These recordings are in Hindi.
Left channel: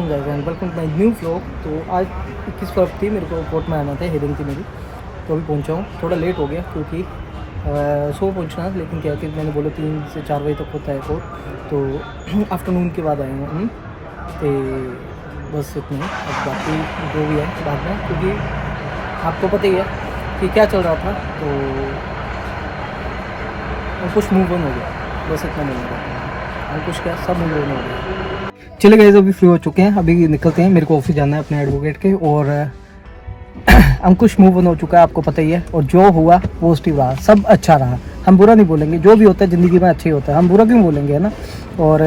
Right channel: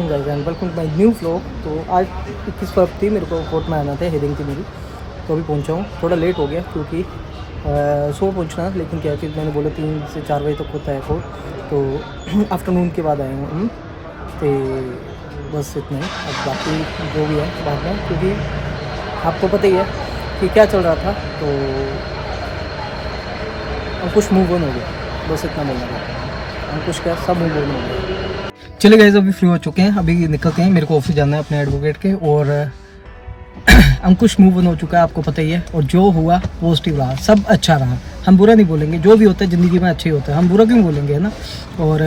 Welcome to my new vlog. तो आज 21 फरवरी थी, मेरे को कोर्ट में आना था, हेयरिंग थी मेरी। तो अभी पहुंचा हूँ, थोड़ा लेट हो गया क्योंकि सुबह पहुंचना, लेकिन क्या है कि मैंने बोला 3 से 4 बजे तक होता है कोर्ट, तो आफ्टरनून के बाद आए हूँ। तो बस इतना ही, अब बाकी जो भी है बाद में, क्योंकि आपको पता ही है कि क्या चल रहा था। तो अब कुछ मूव ऑन हो गया, बस इतना बोलना चाहता हूँ। अब कुछ क्या, सब मूव ऑन हो गया। चले गए, अभी फ्री हो चुके हैं, अभी निकलते हैं। मेरे को ऑफिस जाना है अपने एडवोकेट के, और अंकुश मूव ऑन हो चुका है, आपको पता ही है। और जो हुआ पॉजिटिव रहा, सब अच्छा रहा। हम बुरा नहीं बोलेंगे, जो भी होता है ज़िंदगी में अच्छा ही होता है, हम बुरा क्यों बोलेंगे, है ना। और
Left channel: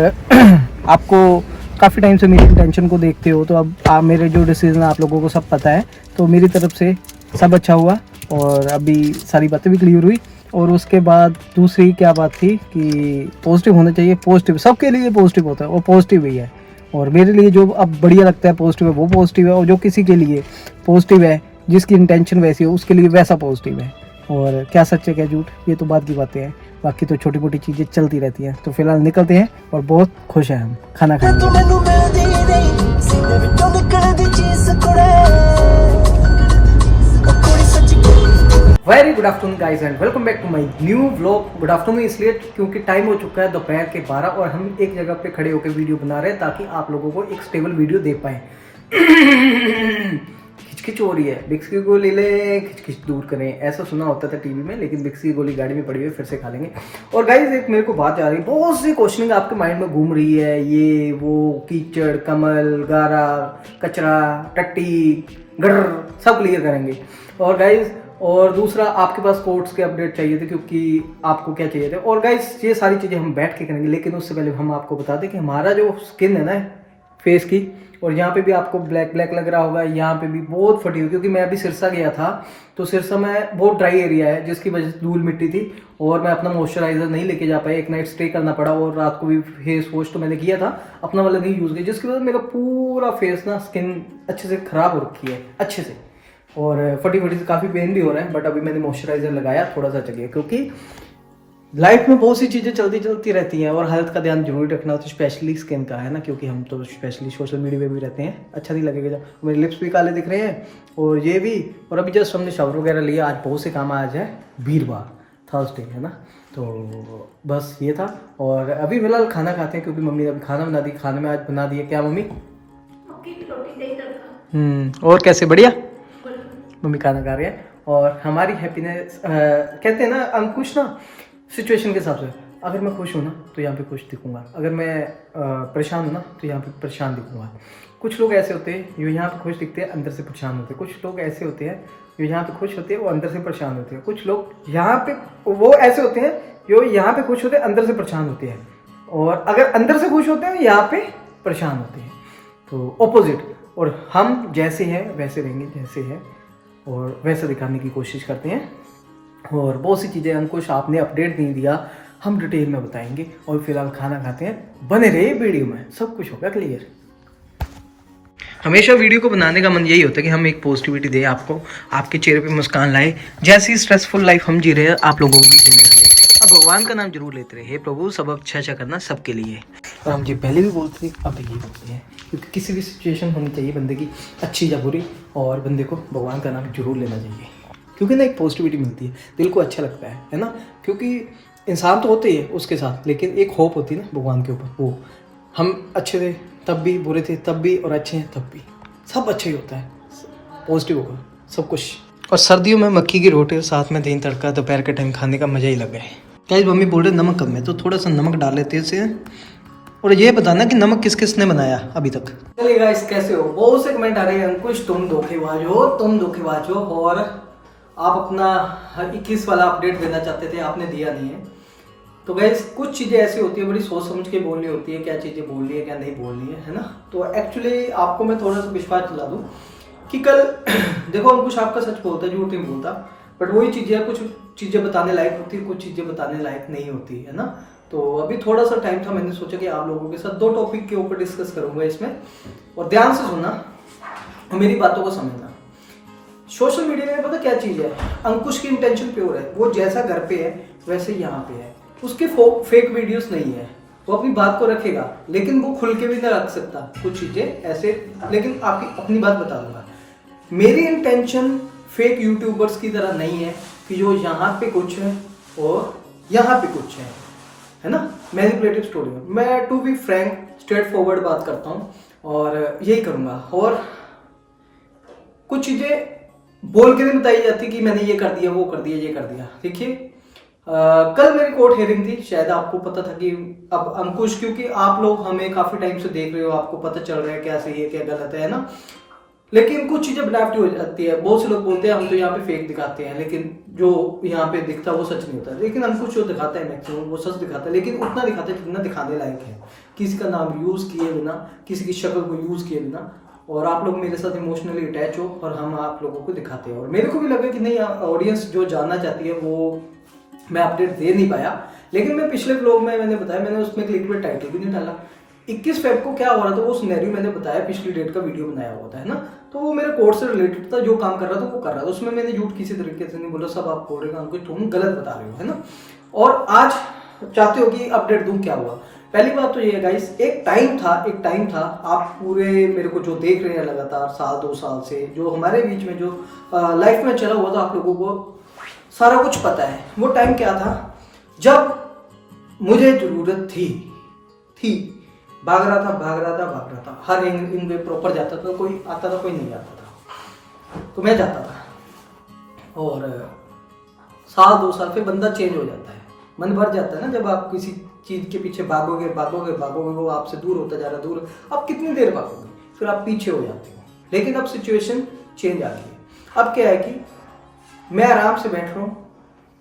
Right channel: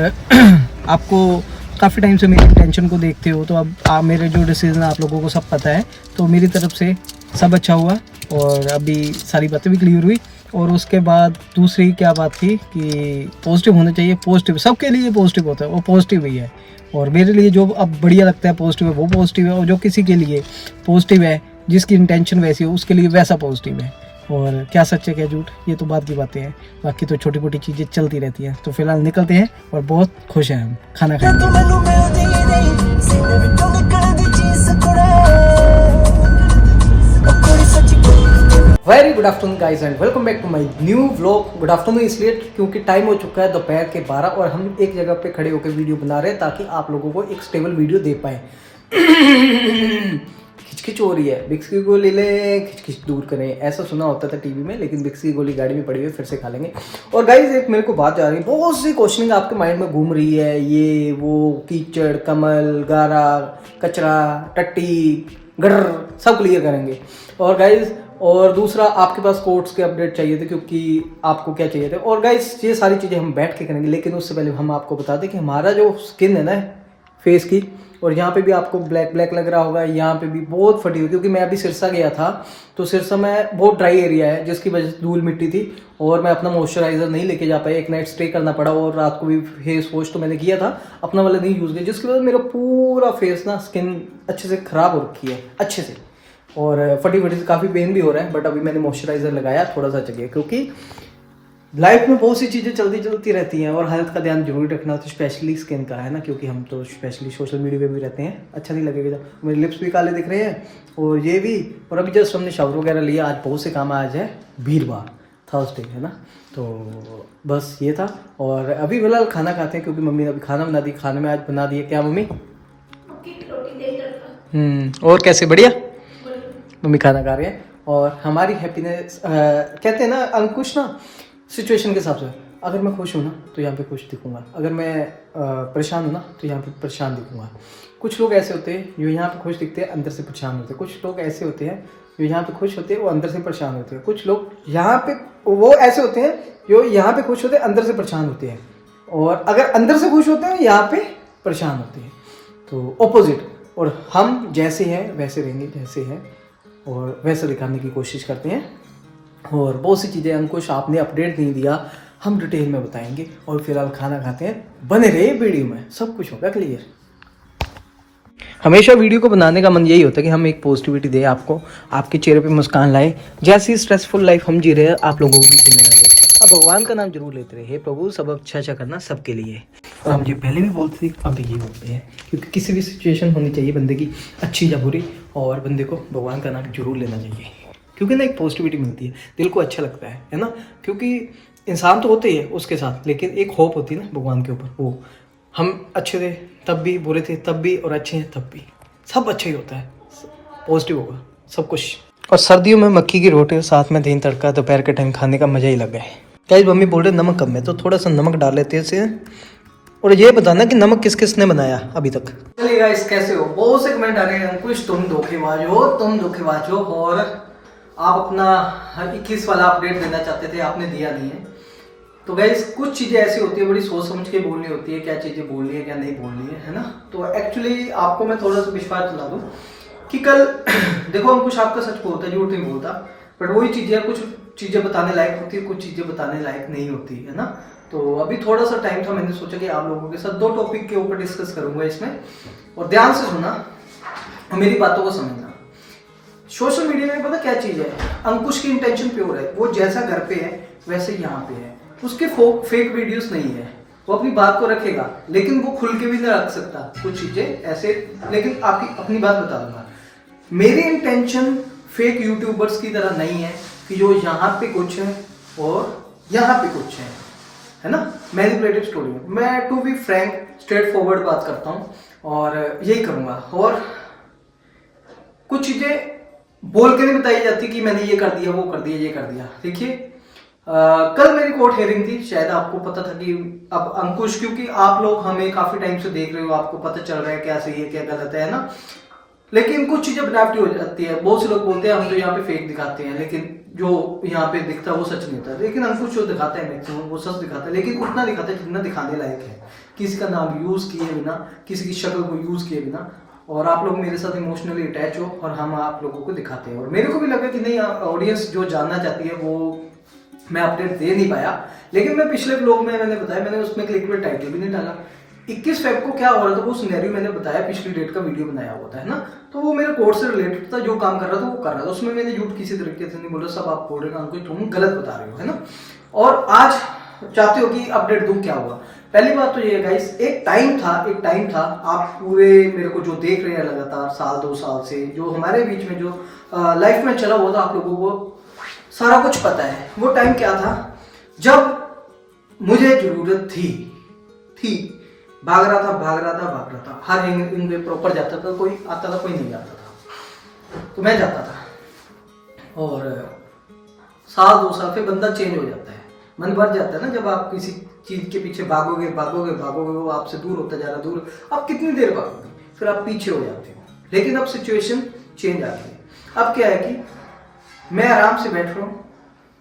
आपको काफ़ी टाइम से मेरी इंटेंशन को देखते हो, तो अब मेरे जो डिसीजन आप लोगों को सब पता है। तो मेरी तरफ से सब अच्छा हुआ, और अभी सारी बातें भी क्लियर हुई। और उसके बाद दूसरी क्या बात थी कि पॉजिटिव होना चाहिए। पॉजिटिव सबके लिए पॉजिटिव होता है, वो पॉजिटिव ही है। और मेरे लिए जो अब बढ़िया लगता है पॉजिटिव है, वो पॉजिटिव है। और जो किसी के लिए पॉजिटिव है, जिसकी इंटेंशन वैसी हो, उसके लिए वैसा पॉजिटिव है। और क्या सच है क्या झूठ, ये तो बात की बातें हैं। बाकी तो छोटी मोटी चीज़ें चलती रहती हैं। तो फिलहाल निकलते हैं, और बहुत खुश हैं हम खाना खाने। Very good afternoon guys and welcome back to my new vlog. Good afternoon इसलिए क्योंकि टाइम हो चुका है दोपहर के 12, और हम एक जगह पे खड़े होकर वीडियो बना रहे हैं ताकि आप लोगों को एक स्टेबल वीडियो दे पाए। खिचखिच हो रही है, विक्स की गोली ले, खिचखिच दूर करें, ऐसा सुना होता था टीवी में, लेकिन विक्स की गोली गाड़ी में पड़ी हुई है, फिर से खा लेंगे। और गाइज एक मेरे को बात आ रही है, बहुत सी क्वेश्चनिंग आपके माइंड में घूम रही है, ये वो कीचड़, कमल, गारा, कचरा, टट्टी, गर, सब क्लियर करेंगे। और गाइज और दूसरा, आपके पास कोर्ट्स के अपडेट चाहिए थे, क्योंकि आपको क्या चाहिए थे। और गाइस ये सारी चीज़ें हम बैठ के करेंगे, लेकिन उससे पहले हम आपको बता दें कि हमारा जो स्किन है ना फेस की, और यहाँ पे भी आपको ब्लैक ब्लैक लग रहा होगा, यहाँ पे भी बहुत फटी हुई, क्योंकि मैं अभी सिरसा गया था। तो सिरसा में बहुत ड्राई एरिया है, जिसकी वजह से धूल मिट्टी थी, और मैं अपना मॉइस्चराइजर नहीं लेके जा पाया, एक नाइट स्टे करना पड़ा। और रात को भी फेस वॉश तो मैंने किया था, अपना वाला नहीं यूज़ किया, जिसकी वजह से मेरा पूरा फेस ना, स्किन अच्छे से ख़राब हो रखी है, अच्छे से। और फटी फटी से काफ़ी पेन भी हो रहा है, बट अभी मैंने मॉइस्चराइजर लगाया, थोड़ा सा जगह, क्योंकि लाइफ में बहुत सी चीज़ें चलती रहती हैं, और हेल्थ का ध्यान जरूर रखना, तो स्पेशली स्किन का, है ना, क्योंकि हम तो स्पेशली सोशल मीडिया पे भी रहते हैं, अच्छा नहीं लगेगा जब मेरे लिप्स भी काले दिख रहे हैं, और ये भी। और अभी जस्ट हमने शावर वगैरह लिया, आज बहुत से काम, आज है वीरवार, थर्सडे, है ना। तो बस ये था, और अभी फिलहाल खाना खाते हैं, क्योंकि मम्मी ने अभी खाना बना दी। खाने में आज बना दिया क्या मम्मी? और कैसे, बढ़िया मम्मी खाना खा रहे हैं। और हमारी हैप्पीनेस कहते हैं ना अंकुश, ना सिचुएशन के हिसाब से, अगर मैं खुश हूँ ना तो यहाँ पे खुश दिखूंगा, अगर मैं परेशान हूँ ना तो यहाँ पे परेशान दिखूंगा। कुछ लोग ऐसे होते हैं जो यहाँ पे खुश दिखते हैं, अंदर से परेशान होते हैं। कुछ लोग ऐसे होते हैं जो यहाँ पे खुश होते हैं, वो अंदर से परेशान होते हैं। कुछ लोग यहाँ पे वो ऐसे होते हैं जो यहाँ पे खुश होते हैं, अंदर से परेशान होते हैं। और अगर अंदर से खुश होते हैं, यहाँ पे परेशान होते हैं, तो ऑपोजिट। और हम जैसे हैं वैसे रहेंगे, जैसे हैं और वैसा दिखाने की कोशिश करते हैं। और बहुत सी चीज़ें अंकुश आपने अपडेट नहीं दिया, हम डिटेल में बताएंगे। और फिलहाल खाना खाते हैं, बने रहे वीडियो में, सब कुछ होगा क्लियर। हमेशा वीडियो को बनाने का मन यही होता है कि हम एक पॉजिटिविटी दें आपको, आपके चेहरे पे मुस्कान लाए। जैसी स्ट्रेसफुल लाइफ हम जी रहे हैं, आप लोगों को भी जीने ना दें। अब भगवान का नाम जरूर लेते रहे, हे प्रभु सब अच्छा करना सबके लिए। और हम ये पहले भी बोलते थे, अब ये बोलते हैं, क्योंकि किसी भी सिचुएशन होनी चाहिए बंदे की, अच्छी या बुरी, और बंदे को भगवान का नाम जरूर लेना चाहिए, क्योंकि ना एक पॉजिटिविटी मिलती है, दिल को अच्छा लगता है ना। क्योंकि इंसान तो होते ही है उसके साथ, लेकिन एक होप होती है ना भगवान के ऊपर, वो हम अच्छे थे तब भी, बुरे थे तब भी, और अच्छे हैं तब भी, सब अच्छा ही होता है, पॉजिटिव होगा सब कुछ। और सर्दियों में मक्की की रोटी और साथ में दही तड़का दोपहर के टाइम खाने का मजा ही लग है। क्या मम्मी बोल रहे नमक कम है, तो थोड़ा सा नमक डाल लेते हैं इसे। और ये बताना कि नमक किस किस ने बनाया अभी तक। चलिए गाइस, कैसे हो? बहुत से कमेंट आ रहे हैं, अंकुश तुम धोखेबाज हो, तुम धोखेबाज हो, और आप अपना 21 वाला अपडेट देना चाहते थे, आपने दिया नहीं है। तो गाइस कुछ चीज़ें ऐसी होती है, बड़ी सोच समझ के बोलनी होती है, क्या चीज़ें बोलनी है क्या नहीं बोलनी है ना। तो एक्चुअली आपको मैं थोड़ा सा विश्वास दिला दूँ कि कल देखो अंकुश आपका सच बोलता है, झूठ नहीं बोलता, बट वही चीज़ें, कुछ चीज़ें बताने लायक होती है, कुछ चीज़ें बताने लायक नहीं होती है ना। तो अभी थोड़ा सा टाइम था, मैंने सोचा कि आप लोगों के साथ 2 टॉपिक के ऊपर डिस्कस करूंगा इसमें, और ध्यान से सुनना और मेरी बातों को समझना। सोशल मीडिया में पता क्या चीज़ है, अंकुश की इंटेंशन प्योर है, वो जैसा घर पे है वैसे यहाँ पे है, उसके फेक वीडियोस नहीं है। वो अपनी बात को रखेगा, लेकिन वो खुल के भी नहीं रख सकता कुछ चीजें ऐसे। लेकिन आपकी अपनी बात बता दूंगा, मेरी इंटेंशन फेक यूट्यूबर्स की तरह नहीं है कि जो यहाँ पे कुछ है और यहाँ पे कुछ है ना, मैनिपुलेटिव स्टोरी है। मैं to be frank straightforward बात करता हूँ और यही करूँगा। और कुछ चीज़ें बोल के नहीं बताई जाती कि मैंने ये कर दिया, वो कर दिया, ये कर दिया। देखिए कल मेरी कोर्ट हियरिंग थी, शायद आपको पता था कि अब अंकुश, क्योंकि आप लोग हमें काफ़ी टाइम से देख रहे हो, आपको पता चल रहा है क्या सही है क्या गलत है ना। लेकिन कुछ चीज़ें बनावटी हो जाती है। बहुत से लोग बोलते हैं हम तो यहाँ पे फेक दिखाते हैं, लेकिन जो यहाँ पे दिखता है वो सच नहीं होता। लेकिन अंकुश जो दिखाता है मैक्सिमम वो सच दिखाता है, लेकिन उतना दिखाता है जितना दिखाने लायक है, किसी का नाम यूज़ किए बिना, किसी की शक्ल को यूज़ किए बिना। और आप लोग मेरे साथ इमोशनली अटैच हो और हम आप लोगों को दिखाते हैं। और मेरे को भी लगा कि नहीं, ऑडियंस जो जानना चाहती है वो मैं अपडेट दे नहीं पाया। लेकिन मैं पिछले ब्लॉग में मैंने बताया, मैंने उसमें क्लिकबेट टाइटल भी नहीं डाला। 21 फेब को क्या हो रहा था वो सिनेरियो मैंने बताया, पिछली डेट का वीडियो बनाया हुआ था, है ना। तो वो मेरे कोर्ट से रिलेटेड था, जो काम कर रहा था वो कर रहा था, उसमें मैंने झूठ किसी तरीके से नहीं बोला। सब आप बोल रहे हो अंकुश तुम गलत बता रहे हो, है ना। और आज चाहते हो कि अपडेट दूं, क्या हुआ। पहली बात तो ये है गाइस, एक टाइम था, आप पूरे मेरे को जो देख रहे हैं लगातार साल 2 साल से, जो हमारे बीच में जो लाइफ में चला हुआ था, आप लोगों को सारा कुछ पता है। वो टाइम क्या था जब मुझे जरूरत थी, भाग रहा था, हर एंग पे प्रॉपर जाता था, कोई आता था कोई नहीं आता था, तो मैं जाता था। और साल 2 साल फिर बंदा चेंज हो जाता है, मन भर जाता है ना। जब आप किसी चीज के पीछे भागोगे वो आपसे दूर होता जा रहा है, दूर। आप कितनी देर भागोगे, फिर आप पीछे हो जाते हो। लेकिन अब सिचुएशन चेंज आ गई है। अब क्या है कि मैं आराम से बैठ रहा हूँ,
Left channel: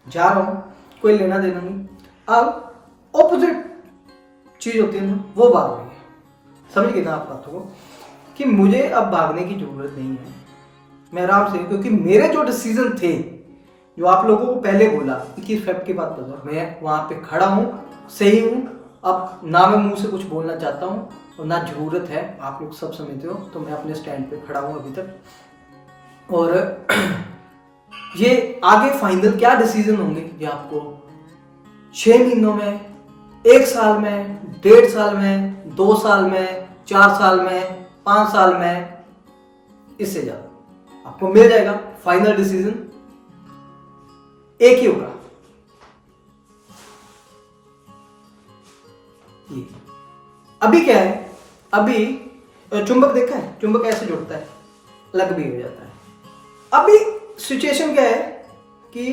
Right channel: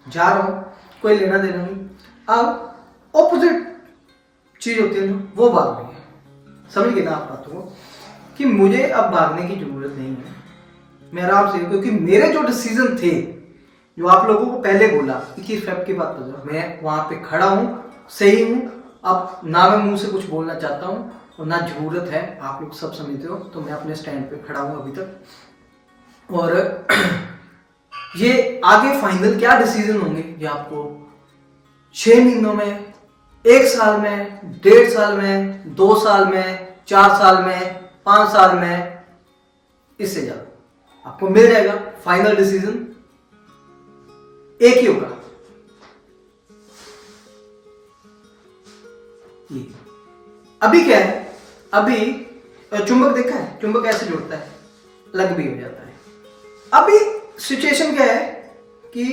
जा रहा हूँ, कोई लेना देना नहीं। अब ऑपोजिट चीज होती है ना, वो भाग रही है। समझ गए ना आप बातों को, कि मुझे अब भागने की जरूरत नहीं है। मैं आराम से, क्योंकि मेरे जो डिसीजन थे, जो आप लोगों को पहले बोला 21 फेब के बाद पता, मैं वहां पे खड़ा हूं, सही हूं। अब ना मैं मुंह से कुछ बोलना चाहता हूं और ना जरूरत है, आप लोग सब समझते हो। तो मैं अपने स्टैंड पे खड़ा हूं अभी तक। और ये आगे फाइनल क्या डिसीजन होंगे ये आपको 6 महीनों में, 1 साल में, 1.5 साल में, 2 साल में, 4 साल में, 5 साल में, इससे ज्यादा आपको मिल जाएगा। फाइनल डिसीजन एक ही होगा, ये। अभी क्या है, अभी चुंबक देखा है, चुंबक ऐसे जुड़ता है, अलग भी हो जाता है। अभी सिचुएशन क्या है कि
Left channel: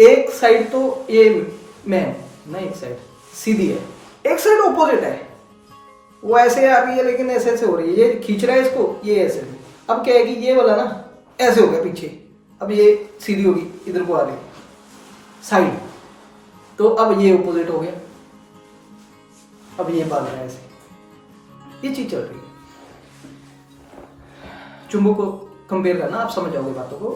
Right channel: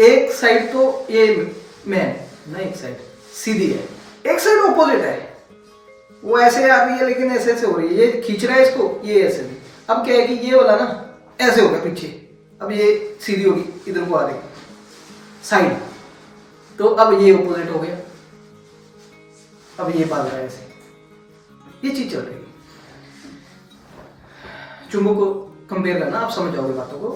एक साइड तो ये मैं ना, एक साइड सीधी है, एक साइड ऑपोजिट है। वो ऐसे आ रही है लेकिन ऐसे ऐसे हो रही है, ये खींच रहा है इसको, ये ऐसे भी। अब क्या है कि ये वाला ना ऐसे हो गया पीछे, अब ये सीधी होगी, इधर को आ गई साइड, तो अब ये ऑपोजिट हो गया, अब ये भाग रहा है ऐसे, ये चीज चल रही है। चुंबक को कंपेयर करना, आप समझ जाओगे बातों को,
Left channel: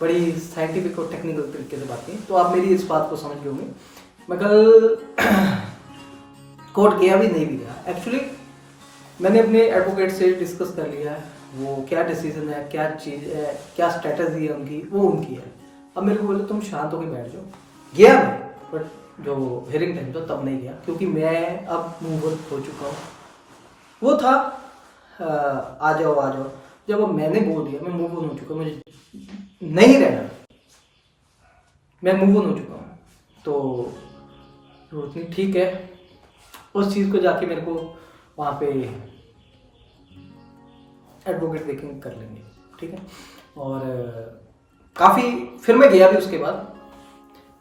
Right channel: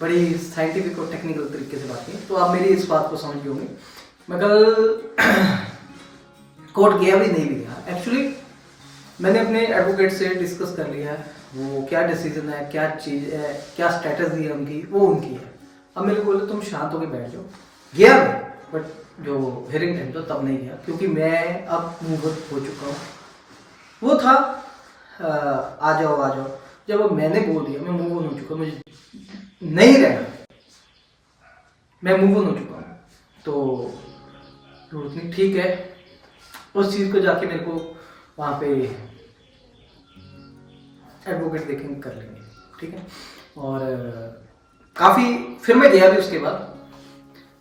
बड़ी साइंटिफिक और टेक्निकल तरीके से बात की, तो आप मेरी इस बात को समझ गए होंगे। मैं कल कोर्ट गया भी नहीं भी गया, एक्चुअली मैंने अपने एडवोकेट से डिस्कस कर लिया है, वो क्या डिसीजन है, क्या चीज़ है, क्या स्ट्रेटजी है उनकी, वो उनकी है। अब मेरे को बोले तुम शांत होकर बैठ जाओ। गया मैं, बट जो हियरिंग टाइम था तब नहीं गया, क्योंकि मैं अब मूव ऑन हो चुका हूँ। वो था आ जाओ। जब अब मैंने बोल दिया, मैं मूव ऑन हो चुका, मुझे नहीं रहना, मैं मूव ऑन हो चुका हूँ, तो जरूरत नहीं, ठीक है। उस चीज़ को जाके मेरे को वहाँ पे एडवोकेट देखेंगे, कर लेंगे, ठीक है। और काफ़ी फिर मैं गया भी, उसके बाद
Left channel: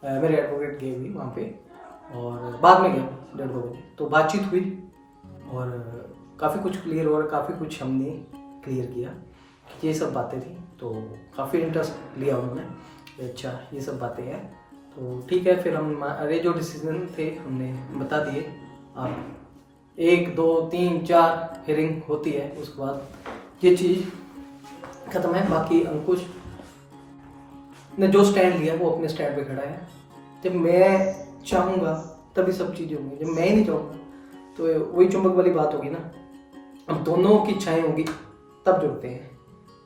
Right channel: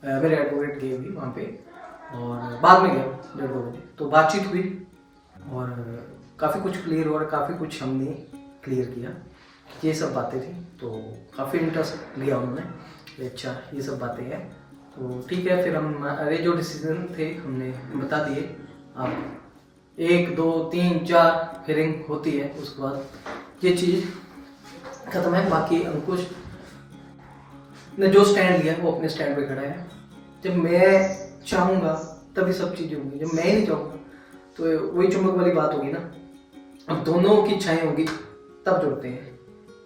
मेरे एडवोकेट गए भी वहाँ पे, और बाद में गया 1:30 बजे, तो बातचीत हुई और काफ़ी कुछ क्लियर हो रहा, काफ़ी कुछ हमने क्लियर किया, ये सब बातें थी। तो काफ़ी इंटरेस्ट लिया उन्होंने, अच्छा ये सब बातें हैं, तो ठीक है। फिर हम अरे जो डिसीजन थे हमने बता दिए। अब 1 2 3 4 हियरिंग होती है, उसके बाद ये चीज़ खत्म है। बाकी अंकुश ने जो स्टैंड लिया वो अपने स्टैंड पे खड़ा है। जब मैं चाहूँगा तभी सब चीज़ें होंगी, जब मैं ही नहीं चाहूँगा तो वही चुंबक वाली बात होगी ना। अब दोनों की इच्छाएं होगी तब जुड़ते हैं।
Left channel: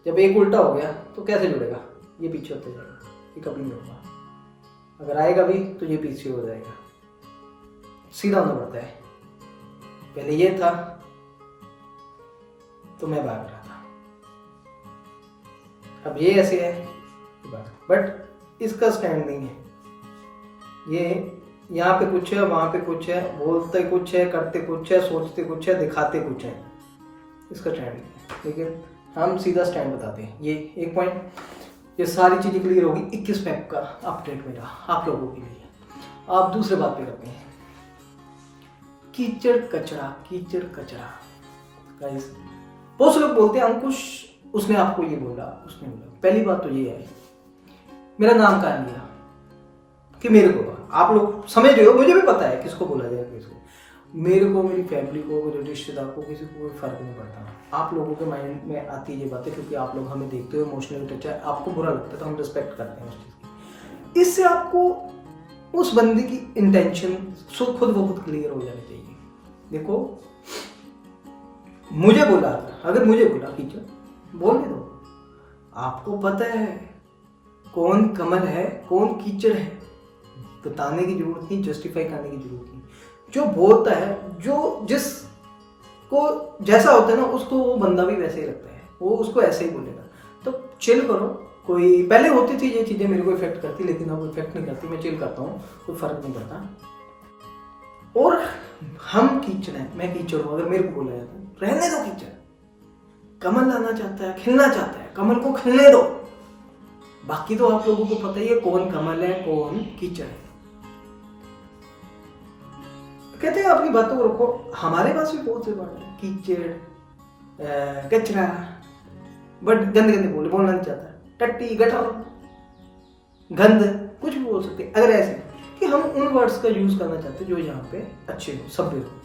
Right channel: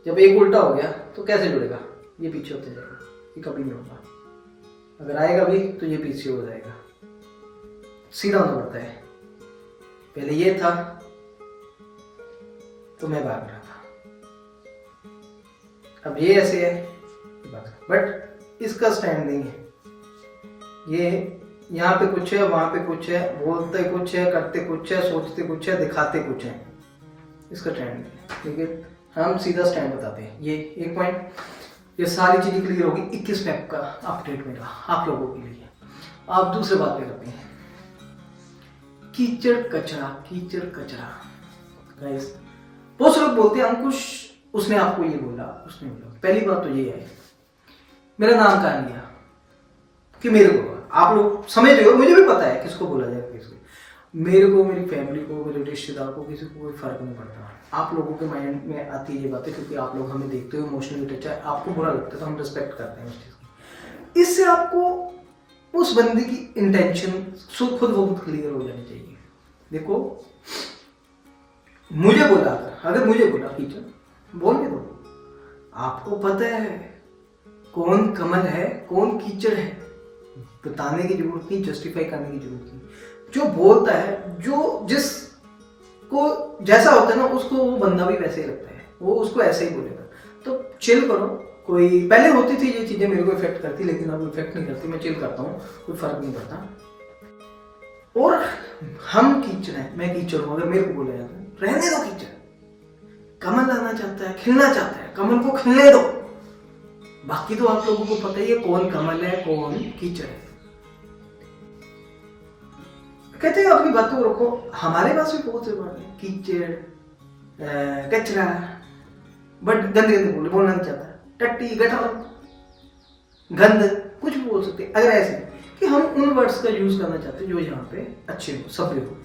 जब एक उल्टा हो गया तो कैसे जुड़ेगा, ये पीछे होते जाएगा, ये कभी नहीं होगा। अगर आएगा भी तो ये पीछे हो जाएगा। सीधा होना पड़ता है। पहले ये था तो मैं भाग रहा था, अब ये ऐसे है बट इसका स्टैंड नहीं है। ये यहाँ पे कुछ है, वहां पे कुछ है, बोलते कुछ है, करते कुछ है, सोचते कुछ है, दिखाते कुछ है, इसका स्टैंड नहीं है। लेकिन हम सीधा स्टैंड बताते हैं। ये एक पॉइंट, ये सारी चीजें क्लियर होगी। 21 स्टेप का अपडेट मेरा आप लोगों के लिए। आप दूसरे बात पे करते हैं, कीचड़ कचरा। कीचड़ कचरा गाइस, बहुत से लोग बोलते हैं अंकुश उसने आपको ये बोला, उसने बोला। पहली बात तो ये है, मेरा नाम कहाँ लिया कि मेरे को, आप लोग समझ रहे हो, मुझे भी पता है किसको बोला जाएगा, किसको। मेरे को, मेरी फैमिली को, मेरे रिश्तेदार को, किसी को कोई फर्क नहीं पड़ता। आप लोगों के माइंड में आती है ये बातें क्योंकि आप लोग हमें देखते हो, इमोशनली टच है, आपको बुरा लगता है तो हम रिस्पेक्ट करते हैं उस चीज़ की। इससे आपको उस बंदे की इंटेंशन खुद ब खुद क्लियर हो जानी चाहिए। देखो, मुझे बोला, अगर मुझे बोला कीचड़, बोलने दो। आपको पता है कौन कमल है, कौन कीचड़ है, बताने की जरूरत नहीं, जस्टिफाई करने की जरूरत नहीं। जो बोलता है, जो जिसको जैसा होता है ना, उसको वो बंदा भी वैसे ही लगता है, वो उसको ऐसे ही बोलेगा। तो चिल करो। कोई पहले होती थी ये चीज़ें मेरे को इफेक्ट करती, लेकिन अब इफेक्ट नहीं करती। मैं चिल करता हूँ, कोई फर्क नहीं पड़ता। और हम कीचड़ हैं, मैं कीचड़ हूँ। अगर मेरे को बोला जाता है रहने दो कीचड़, कमल लाना चाहता है, खिलना चाहता है, कमल को खिलने दो। बाकी तो आप लोगों को पता ही है कौन कमल है, कौन कीचड़ है। कहते हैं अपनी बातों को रखो। हमारे पास भी बहुत से वर्ड है, कीचड़, कचरा, बट गंदे गंदे बोलना नहीं चाहता, टट्टी, गटर, गंद, कुछ भी बोल सकते हैं। अगर ऐसे कि हम उन वर्ड्स का यूज करना चाहते हैं जो यहाँ पे अच्छे हो, सभ्य हो।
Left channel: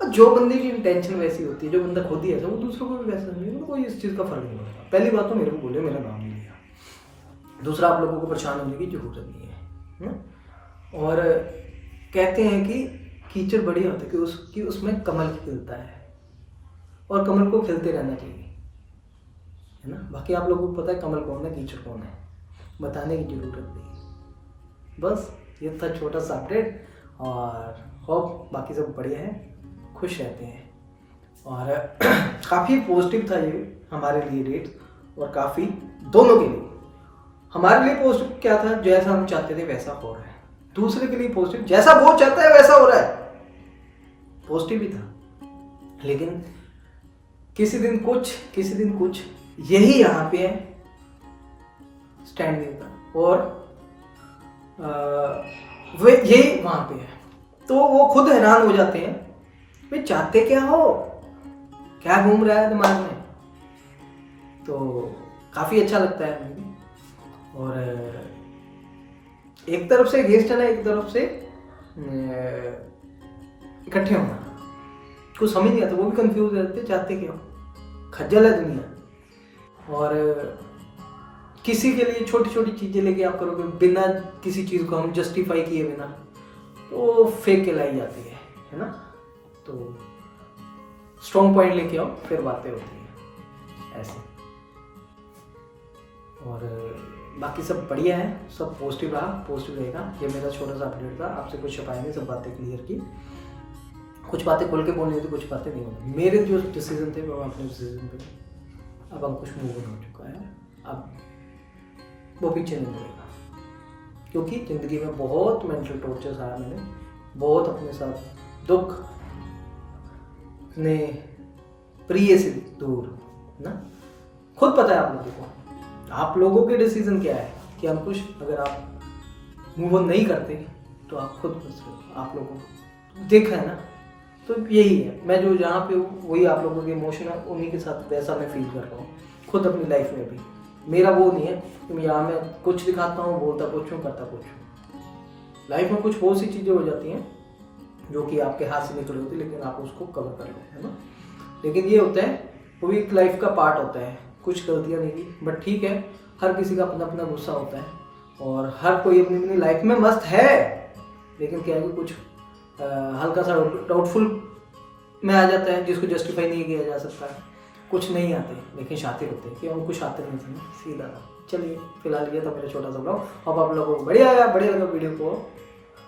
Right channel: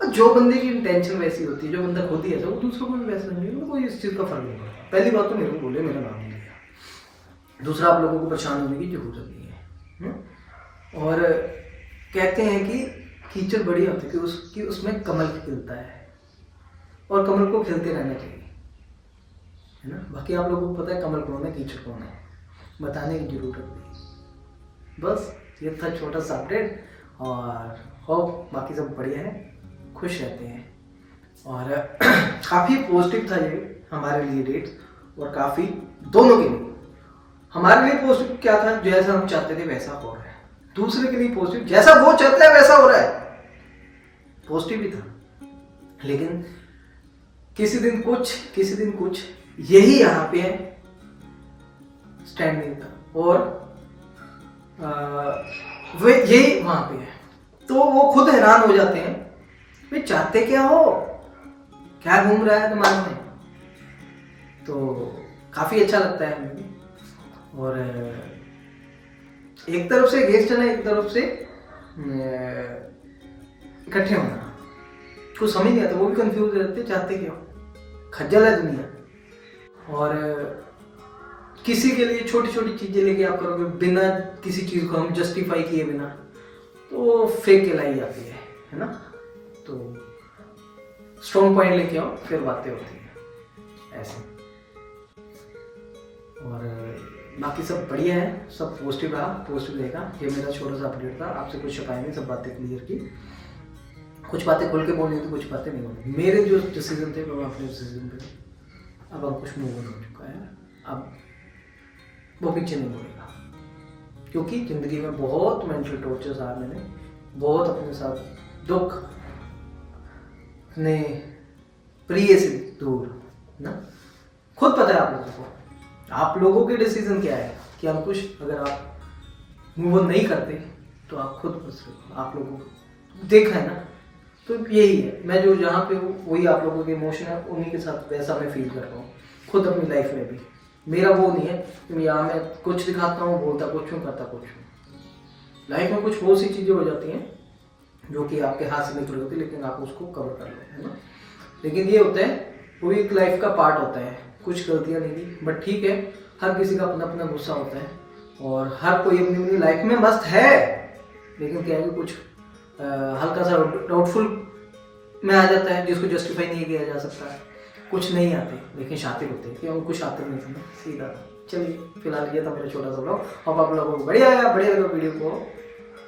और जो बंदे की इंटेंशन वैसी होती है, जो बंदा खुद ही ऐसा, वो दूसरों को भी वैसा समझे, कोई इस चीज़ का फर्क नहीं पड़ता। पहली बात तो मेरे को बोले, मेरा नाम नहीं लिया। दूसरा, आप लोगों को परेशान होने की जरूरत नहीं है। और कहते हैं कि कीचड़ बढ़िया होती है कि उसमें कमल खिलता है, और कमल को खिलते रहना चाहिए, है ना। बाकी आप लोगों को पता है कमल कौन है, कीचड़ कौन है, बताने की जरूरत नहीं। बस ये था छोटा सा अपडेट, और होप बाकी सब बढ़िया है, खुश रहते हैं। और काफ़ी पॉजिटिव था ये हमारे लिए डेट, और काफ़ी दोनों के लिए। हमारे लिए पॉजिटिव क्या था, जैसा हम चाहते थे वैसा हो रहा है। दूसरे के लिए पॉजिटिव, जैसा वो चाहता है वैसा हो रहा है, पॉजिटिव ही था। लेकिन किसी दिन कुछ, किसी दिन कुछ, यही यहाँ पे है, स्टैंड नहीं था, और वो यही वहां पे है। तो वो खुद हैरान हो जाते हैं, भाई चाहते क्या हो, क्या घूम रहा है दिमाग में। तो काफी अच्छा लगता है हमें भी। और एक तरफ से गेस्ट है ना, एक तरफ से इकट्ठे होना, कुछ समझ नहीं आता, वो भी कंफ्यूज रहते, चाहते क्या हो, खज्जल है दुनिया। और किसी के लिए छोटी छोटी चीजें लेके आप करोगे बिना किसी चीज को हम जस्टिफाई किए बिना, तो फेक कहलाई जाती है ना। तो स्ट्रॉन्ग पॉइंट लेके आओ, फिर बातें होती है ऐसे। और बाकी सब बढ़िया है, सब पॉजिटिव रहा, पॉजिटिव रहेगा। ये मेरा छोटा सा अपडेट था, आपसे कुछ छुपाएंगे, सब बातें क्लियर की। कुछ बातें खोल के बोलनी होती, कुछ बातें नहीं होती। मेरे जो डिसीजन थे वो अपने डिसीजन पे, अब अंकुश मूव ऑन हो चुका है, अब वो पीछे नहीं मुड़ेगा। क्योंकि ज़िंदगी में बहुत मेंटल टॉर्चर सहा मैंने, बहुत अपने साथ दुख, अपने प्रिय से दूर ना। खुद पता है आप लोगों को, आप लोगों के डिसीजन क्या है कि अंकुश अगर आप मूव ऑन नहीं करते तो आप खुद फंस रहे हो। आप लोगों को देखा है ना, तो यही है। मैं जो जहाँ पे हूँ वही आप लोगों के इमोशन है, उन्हीं के साथ वैसा मैं फील कर रहा हूँ खुद अपनी लाइफ में भी। मेरा वो नहीं है कि यहाँ मैं कुछ दिखाता हूँ, बोलता कुछ हूँ, करता कुछ हूँ। लाइफ में कुछ बहुत सी चीज़ें हो जाती हैं जो कि आपके हाथ से निकल होती है, लेकिन आप उसको कवर कर लो, है ना। लेकिन ये होता है, वो भी एक लाइफ का पार्ट होता है। कुछ गलतियाँ नहीं की, बट ठीक है, हर किसी का अपना अपना गुस्सा होता है, और हर कोई अपनी अपनी लाइफ में मस्त है। लेकिन क्या है कि कुछ हल्का सा डाउटफुल में आ जाता है, जिसको जस्टिफाई नहीं किया जा सकता। कुछ नहीं आते लेकिन शातिर होते हैं, कि हम कुछ शातिर नहीं थे ना, सीधा था। चलिए फिलहाल ये था मेरा छोटा सा ब्लॉग। अब आप लोगों को बढ़िया लगा वीडियो को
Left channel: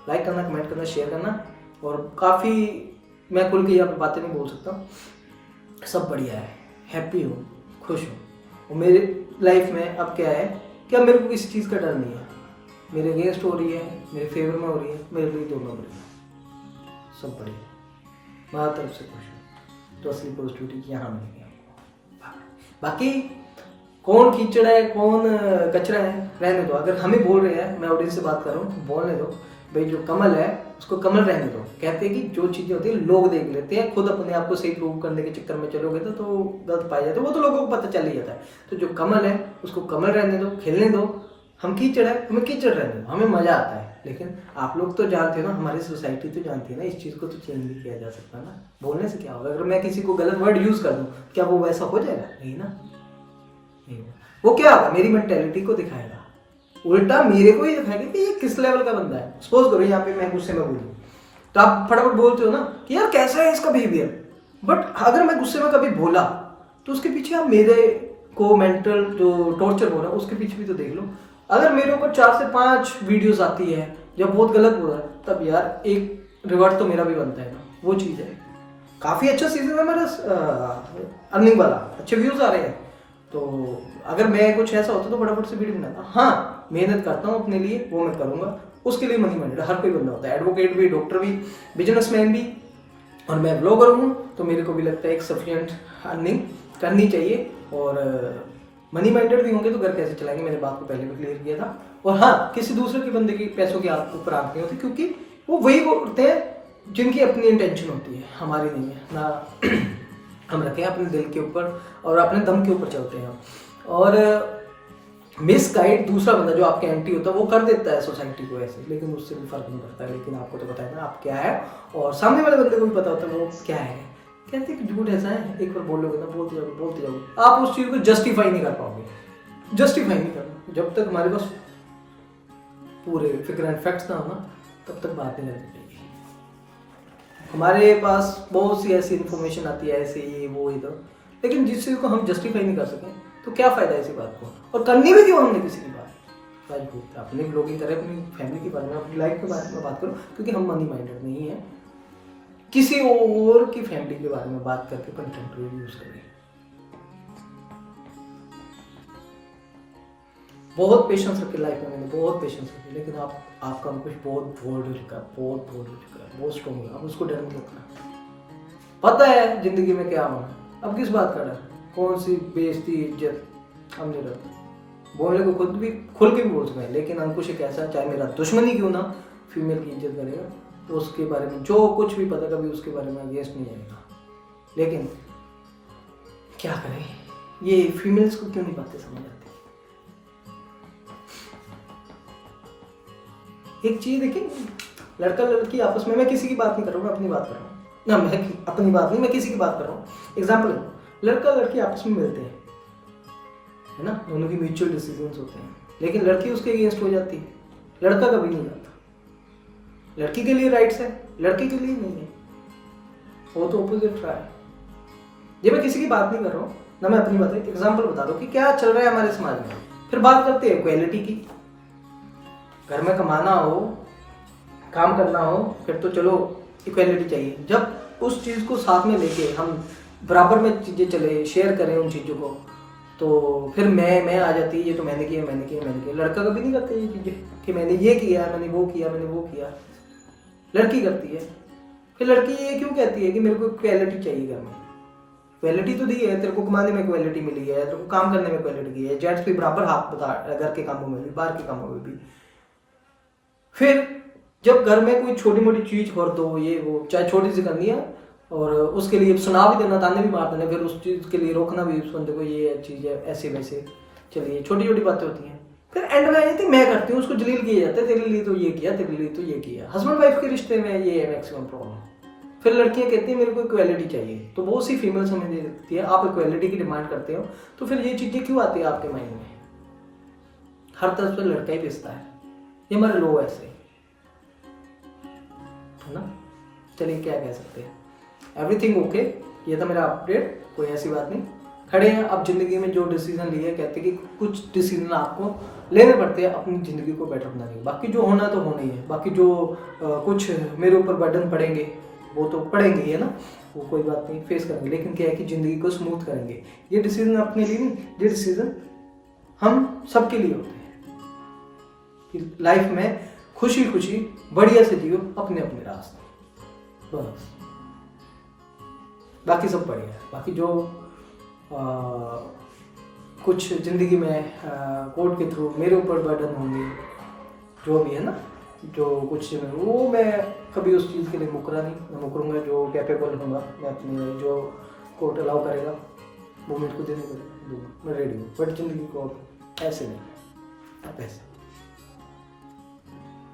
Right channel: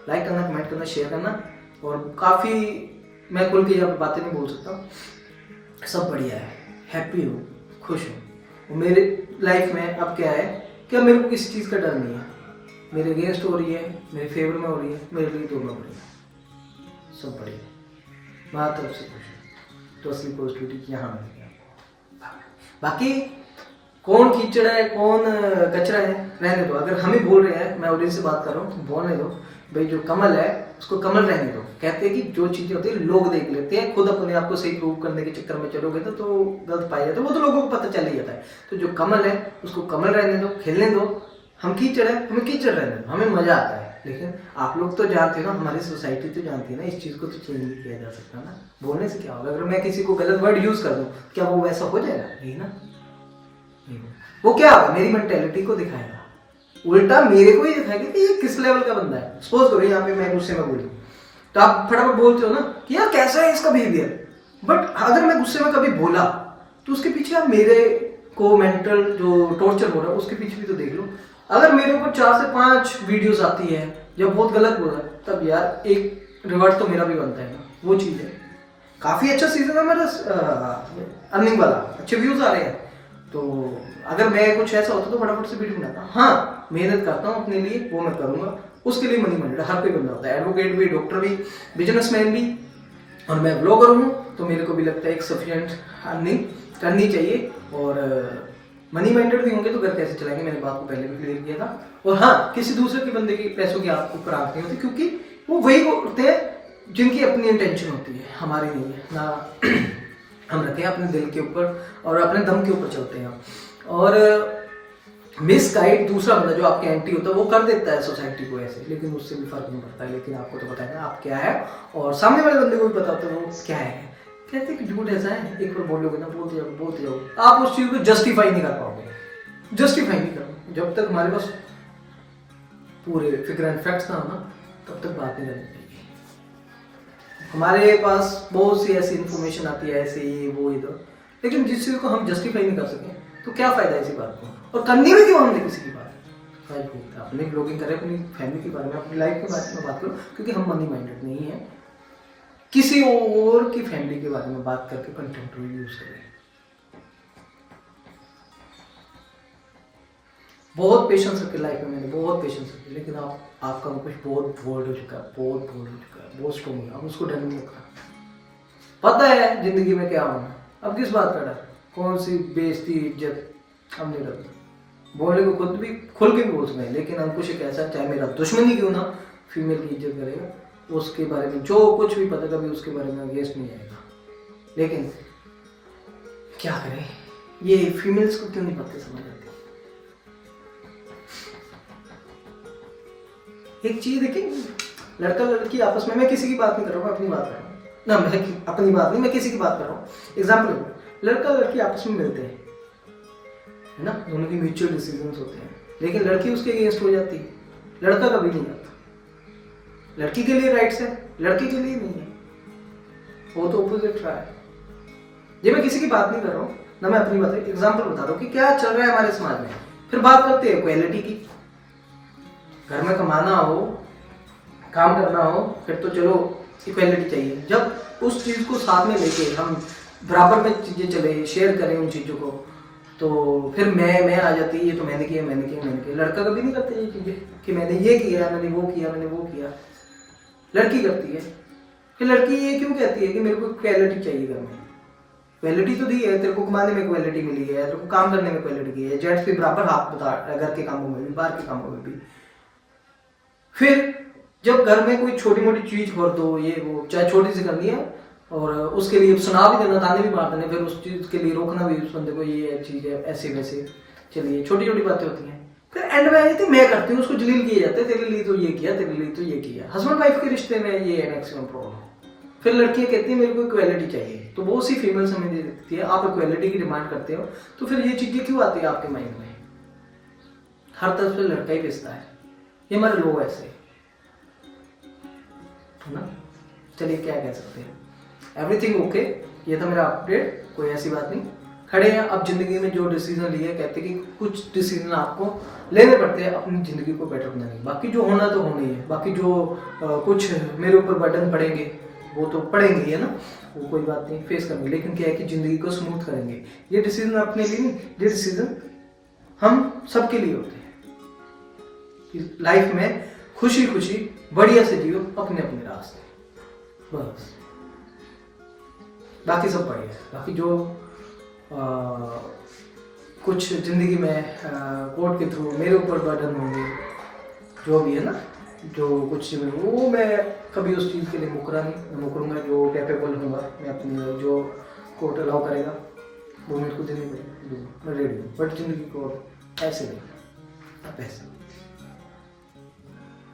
लाइक करना, कमेंट करना, शेयर करना। और काफ़ी मैं खुल के यहाँ पे बातें नहीं बोल सकता, सब बढ़िया है, हैप्पी हूँ, खुश हूँ। और मेरे लाइफ में अब क्या है कि अब मेरे को किसी चीज़ का डर नहीं है, मेरे अगेंस्ट हो रही है, मेरे फेवर में हो रही है, मेरे लिए दोनों बढ़िया, सब बढ़िया, मैं तरफ से खुश हूँ। तो असली पॉजिटिविटी यहाँ मिल गया आपको। बाकी कौन कीचड़ है कौन कचरा है रहने दो, अगर हमें बोल रहे हैं, मैं ऑडियंस से बात कर रहा हूँ तो बोलने दो भाई, जो कमल है उसको कमल रहने दो। कहते हैं कि जो चीज़ें होती है लोग देख लेते हैं, खुद अपने आप को सही प्रूव करने के चक्कर में चलोगे तो गलत पाए जाते हैं, वो तो लोगों को पता चल ही जाता है। तो जो कमल है उसको कमल रहने दो, खेलने दो। हम कीचड़ है, हमें कीचड़ रहने दो, हमें मजा आता है। लेकिन आप लोग तो जानते हो ना, हमारी सोसाइटी तो जानती है ना, इस चीज़ को तो चेंज नहीं किया जा सकता ना, बोलने से क्या होगा। अगर मैं किसी को गलत वर्ड यूज़ कर दूँ, क्या वो वैसा हो जाएगा? नहीं ना, नहीं। वो क्या होगा, मेरी मेंटेलिटी को दिखाएगा, उल्टा मेरे को ही दिखाएगा कि ये किस लेवल का बंदा है। सपोज करो यहाँ पे मैं गुस्से में बोलूँ तो आप फटाफट बोलते हो ना कि यार कैसा है इसका बिहेवियर, बट अगर मैं गुस्से में कभी बोला तो उसके पीछे आप मेरे को मेंटल जो टॉर्चर हो रहा है उसके पीछे भी तो देख लो। अगर मेरे ऊपर 4 से 5 वीडियोस आती है जब बहुत गलत बोला, तब यार एक रिवर्ट तो मेरा भी बनता है ना, वो चीज़ है। काफ़ी अच्छा सीजन है मेरा अर्निंग वाला, अच्छे व्यूज़ आ रहे हैं, तो अगर मैं कुछ ऐसा होता तो फटाफट से वीडियो बनाता। हाँ, मेहनत करता हूँ अपने लिए, वो मैं करूँगा, उसके लिए मनी माइंडेड हर कोई बंदा होता है, एडवोकेट भी, डॉक्टर भी, बिजनेसमैन भी, और मैं ब्लॉगर हूँ तो मेरे को भी लगता है एक सफिशिएंट अर्निंग करनी चाहिए। और मनी माइंडेड भी होंगे तो घर कैसे चलाएंगे, मैंने बात को पहले भी क्लियर किया था। और हाँ, किसी दूसरे के बंदे की पैसों की आपको ऊपर आंख नहीं होती, क्योंकि वो वही करते हैं जिनकी अपनी इंटेंशन होती है, हमारी नहीं है ना। हम रखें अपने दिल के ऊपर और अपने दम के ऊपर चलते हैं। और मिस गाइड दूसरा बंदा जो आपके एंटी होता है वो कर देता है सोसाइटी को ऐसे, लेकिन उससे भी फर्क नहीं पड़ता है। लेकिन आपको तो पता है ना आप क्या है, और सामने वाले बंदे को भी पता होता है वो क्या है। कहते हैं कि झूठ ऐसा है, एक बार बोलोगे ना, बोलते जाओगे, आप उस चीज़ को जस्टिफाई नहीं कर पाओगे, जस्टिफाई नहीं कर पाओगे। जब तक हमारे पास पूरे फिगर एंड फैक्ट्स ना हो ना, तब तक बात नहीं करनी चाहिए। हमारे पास बहुत सी ऐसी इन्फॉर्मेशन आती है, ऐसे ये वो इधर, लेकिन जिस चीज़ को हम जस्टिफाई नहीं कर सकें तो क्या फ़ायदा है इसी बात को, और करनी भी क्यों हमने किसी की बात। अपने ब्लॉगिंग करें, अपनी फैमिली के बारे में, अपनी लाइफ के बारे में बात करो, क्योंकि हम मनी माइंडेड नहीं है किसी और की फैमिली के बारे में बात करके कंटेंट यूज करें। बहुत पेशेंस रखे लाइफ में, मैंने बहुत पेशेंस रखे, लेकिन आपका कुछ बहुत बोल्ड हो चुका है, बहुत बोल्ड हो चुका है, बहुत स्ट्रॉन्ग हो, अब उसको डर नहीं लगता। पता है जिंदगी में क्या होना, अब किस बात का डर, कौन सी बेइज्जती इज्जत, अब नहीं डरता। बोलने को खुद भी खुल के भी बोल सकते हैं, लेकिन अंकुश एक ऐसा, चाहे मेरा दुश्मन ही क्यों ना, फीमेल की इज्जत करेगा, उसके बारे में जो कुछ भी पता, कभी उसके बारे में अगेंस्ट नहीं आएगा। लेकिन क्या करें, ये फीमेल्स को क्यों नहीं बातें समझ आती। एक चीज देखिए, लड़का लड़की आपस में, मैं किसी की बात नहीं कर रहा हूँ, मैं अपनी बात कर रहा हूँ ना, मैं अपनी बात नहीं, मैं किसी की बात कर रहा हूँ। एग्जाम्पल, लड़का लड़की आपस में मिलते हैं, है ना, दोनों की म्यूचुअल डिसीजंस होते हैं, लेकिन लड़की उसके अगेंस्ट हो जाती है, लड़का कभी नहीं जाता। लड़की के लिए राइट्स है, लड़के के लिए नहीं है, वो तो ऑपोजिट रहा है। ये मैं किसी की बात नहीं कर रहा हूँ ना, मैं अपनी बात, एग्जाम्पल बता रहा हूँ कि क्या चल रहा है हमारे समाज में। फिर बात करते हैं इक्वालिटी की, घर में कमाना हो, काम करना हो, फिर तो चलो इक्वालिटी चाहिए। जब उस चीज़ को साथ में लेके हम बराबर में चीज़ें चले, शेयर करें उन चीज़ों को, तो फिर मैं आ जाती है, ये तो मैंने किया, मैंने किया, मैंने किया। लड़का कभी नहीं करते ये चीज़ें कि मैंने ये किया, मैंने वो किया, मैंने वो किया। लड़की करती है। फिर लड़की ये क्यों कहती है कि मेरे को इक्वालिटी चाहिए घर में। इक्वालिटी तो दी है, तेरे को कमाने में इक्वालिटी मिली है, तेरे को काम करने में इक्वालिटी की है, जेंट्स भी बराबर हाथ बता, घर के कामों में भी, बाहर के कामों में भी। फिर जब घर में कोई छोटी मोटी चीज हो दो, ये वो चाहे छोटी सी करनी है, और उसके लिए सुना भी देना, ताने भी मार देने, फिर उस चीज के लिए रोकना भी उस बंदे को, ये चीज है ऐसे वैसे, चलिए छोटी छोटी बातें होती हैं। फिर एंड में आई थी मैं करती हूँ, उसको जलील किए जाते हैं, तेरे लिए तो ये किया, तेरे लिए तो ये किया। हस्बैंड वाइफ के रिश्ते में ये है मैक्सिमम प्रॉब्लम। फिर लड़कियां कहती हैं मेरे को इक्वालिटी चाहिए, तो बहुत सी फीमेल समझ देती है आप इक्वालिटी की डिमांड करते हो, तो फिर ये चीजें क्यों आती है आपके माइंड में। हर तरफ से लड़का ही पिसता है, ये हमारे लोग ऐसे है ना। चलिए क्या कह सकते हैं, एवरीथिंग ओके। ये था मेरा अपडेट, कोई ऐसी बात नहीं, खड़े हैं। अब जिंदगी में जो डिसीजन लिए, कहते हैं कि कुछ डिसीजन आपको लेने पड़ते हैं अपनी ज़िंदगी को बेटर बनाने के। बाकी जो होना तो होना ही है, बाकी जो कुछ मेरे ऊपर बर्डन पड़ेंगे वो तो पड़ेंगे ही है ना, वो कोई बात नहीं, फेस करेंगे। लेकिन क्या है कि ज़िंदगी को स्मूथ करेंगे। ये डिसीजन अपने लिए नहीं, ये डिसीजन हम सबके लिए होते हैं कि लाइफ में खुशी खुशी बढ़िया से जियो अपने अपने रास्ते, बस। बाकी सब बढ़िया है। बाकी जो कुछ ज़िंदगी में कोर्ट के थ्रू मेरे ऊपर बर्डन होंगे, जो भी है ना, जो कुछ चीज़ में, वो मैं कभी उस चीज़ के लिए मुकरा नहीं, मैं मुकरूंगा। जो कैपेबल होऊंगा मैं अपनी, जो कोर्ट अलाउ करेगा वो मेरे को देने पड़ेगा, मैं रेडी हूँ। बट ज़िंदगी को ऐसे नहीं, आप ऐसे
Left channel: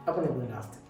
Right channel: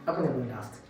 अपने अपने रास्ते